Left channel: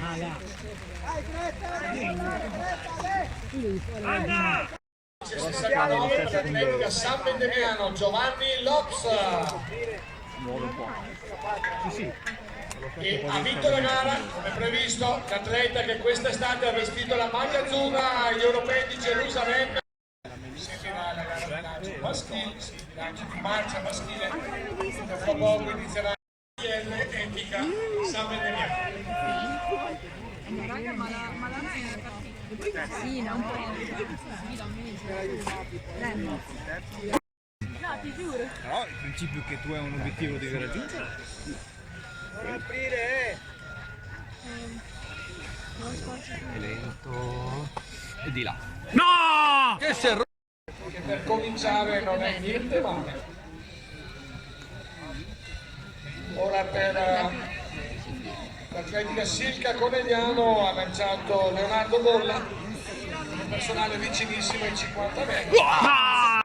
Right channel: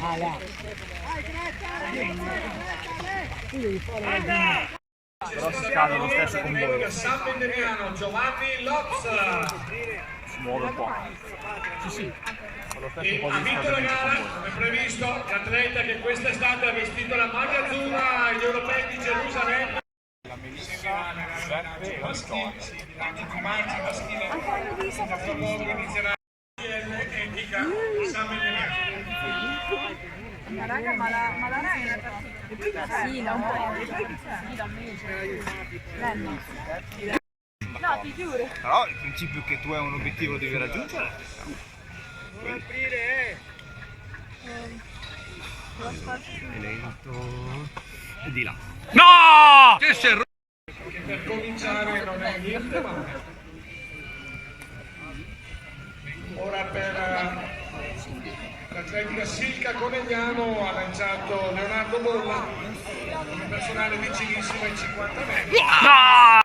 Ah, là. Però si cade lo stesso con voi. San Vendemiano, Giovanni Lops. Si muove un po'. Sì, sì. E ha vinto la gara, è previsto, l'atleta che quest'estate ha vestito la maglia azzurra agli europei di Gerusalemme. Maschile, sì, bilancio di marcia maschile, tra poco inizierà etica San Vendemiano. Ma raga, ma la sì, un po'. No, ti giuro. Però il principio che tu hai un obiettivo lo devi raggiungere. Vuoi aprire? Lento. E di là. No! Che si è rotto! Che per cominciare non è niente male. Ora per l'atletica Silca Conegliano ha lanciato Leonardo Bolla, un personale vicinissimo ai 50 metri. No!